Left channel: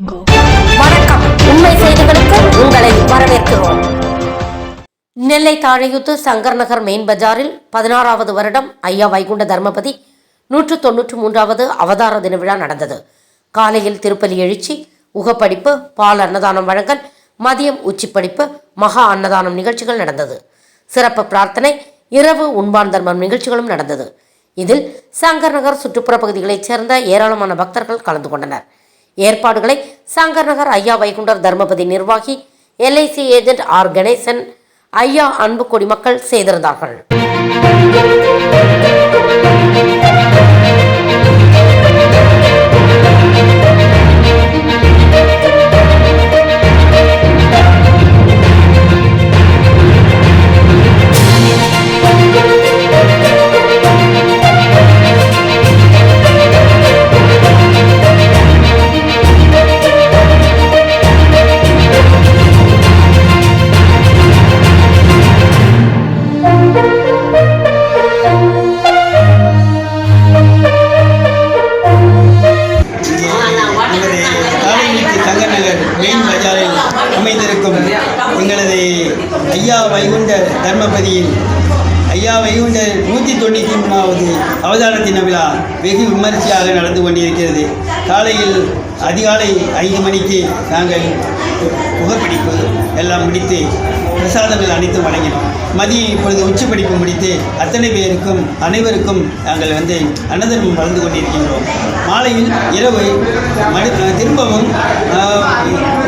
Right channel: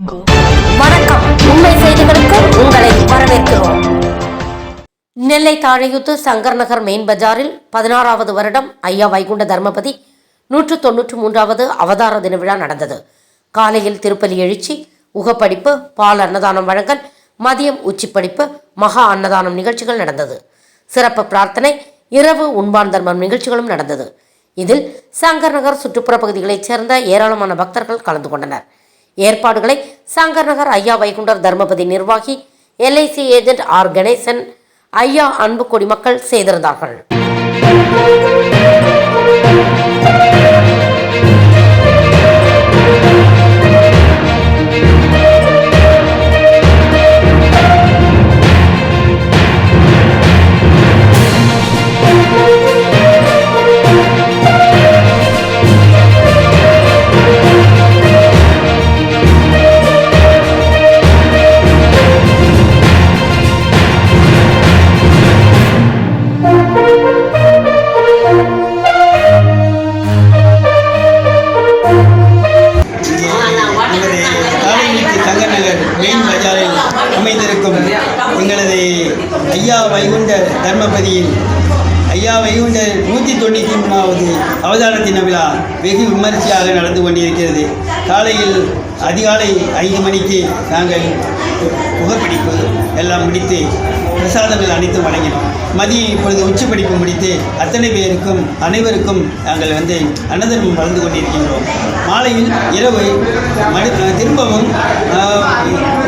வணக்கம். உண்மை செய்திகளுக்கு உங்களை வரவேற்கிறோம். நெல்லை தாழையுத்து சங்கர் நகர் மெயின் பஜாரில் 16வது வருடம் ஐயா வைகுண்ட தர்மபதி 193வது அவதார தின விழா நடந்தது. காலையில் திருப்பலி எழுச்சி, உகப்படிப்பு, பால் அன்னதானம் வழங்கல், மதியம் உச்சிப்படிப்பு, மகா அன்னதானம் நிகழ்ச்சிகள் நடந்தது. சிறப்பு பிரார்த்தனை, இரவு உண்பான் தர்மம் நிகழ்ச்சிகளும் நடந்தது. இதில் சங்கர் நகர் சுற்றுப்புற பகுதிகளைச் சேர்ந்த ஏராளமான பக்தர்கள் கலந்து கொண்டனர். ஏற்பாடுகளை சங்கர் நகர் ஐயா வைகுண்டர் தர்மபதி நிர்வாகி LIC ஏஜென்ட் ஆர் கணேசன், ஐயா அன்பு குடிமக்கள் செய்திருந்தார்கள். சங்கர் நகர் மெயின் பஜாரில் அமைந்திருக்கும் எங்களது ஐயா வைகுண்ட தர்மபதியில் ஐயா வைகுண்ட 193வது அவதார தின விழா வெகு விமர்சையாக நடந்து கொண்டிருக்கிறது. காலையில் அதிகாலை 5 மணிக்கு நாங்கள் புகைப்பிடிப்பு எல்லாம் முடித்து பிரசாதங்கள் அனைத்தும் வழங்கினோம். மதியம் இப்பொழுது உச்சிப்படிப்பு முடித்து அனைவருக்கும் நாங்கள் அன்னதானம் வளர்ந்து கொண்டிருக்கின்றோம். மாலையில் இரவு திரும்பவும்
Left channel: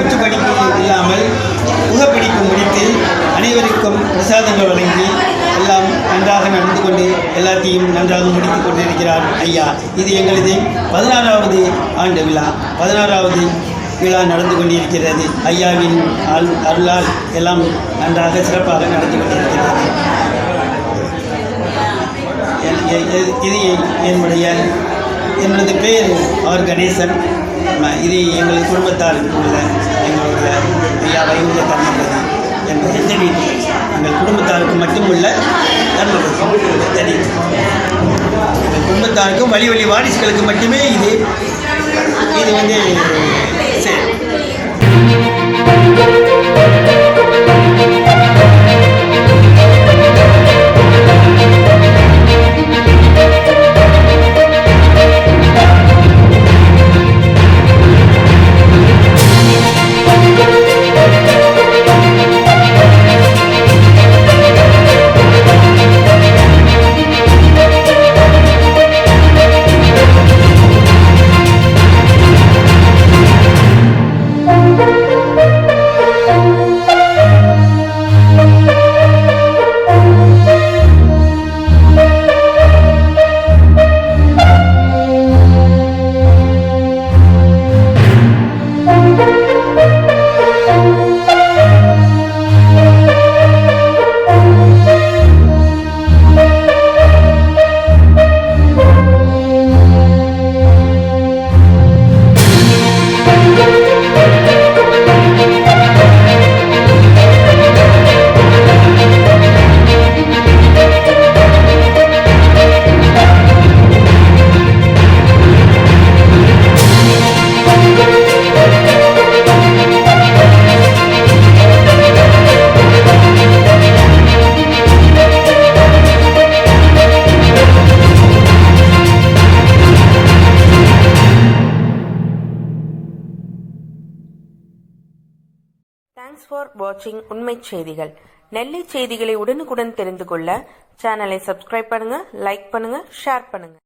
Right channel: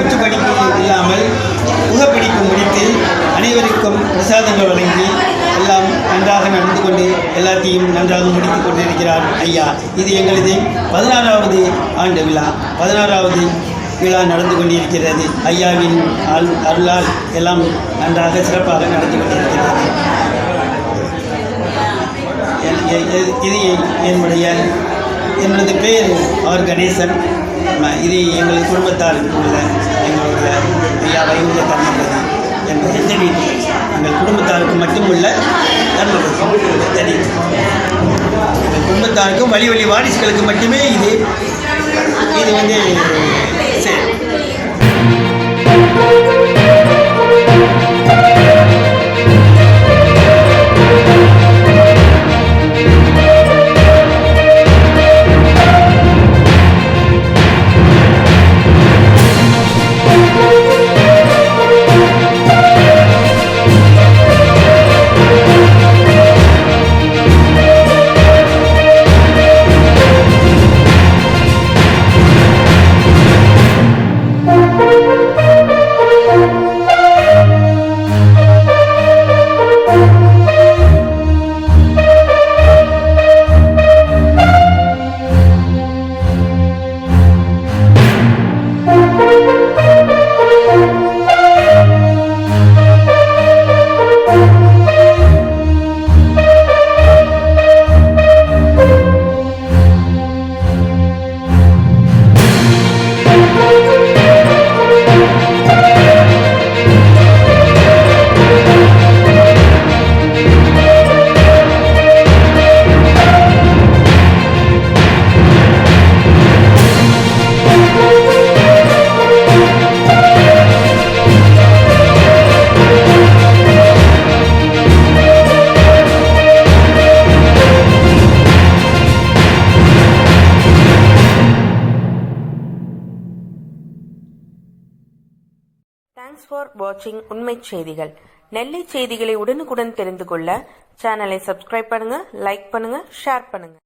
உச்சிப்படிப்பு இல்லாமல் புகைப்பிடிப்பு முடித்து அனைவருக்கும் பிரசாதங்கள் வழங்கி எல்லாம் நன்றாக நடந்து கொண்டு எல்லாத்தையும் நன்றாக முடித்து கொண்டிருக்கிறார் ஐயா. இது எங்களது 16வது ஆண்டு விழா. 16வது விழா நடந்து கொண்டிருக்கிறது. ஐயாவின் அருளால் எல்லாம் நன்றாக சிறப்பாக நடந்து கொண்டிருக்கிறது. இது என்னுடைய பெயர் ஆர் கணேசன். இது எங்கள் குடும்பத்தால் உள்ள எங்களுடைய ஐயா வைகுண்ட தர்மபதி என்பதை தெரிவித்து எங்கள் குடும்பத்தாருக்கு மட்டுமுள்ள தர்மபதி தெரிவித்து எங்கள் குடும்பத்தாருக்கும் வழி வாரிசுகளுக்கு மட்டுமே இது சரி. தேங்க்ஸ் ஃபார் வாட்சிங் உண்மை செய்திகள். நெல்லை செய்திகளை உடனுக்குடன் தெரிந்து கொள்ள சேனலை சப்ஸ்கிரைப் பண்ணுங்க, லைக் பண்ணுங்க, ஷேர் பண்ணுங்க.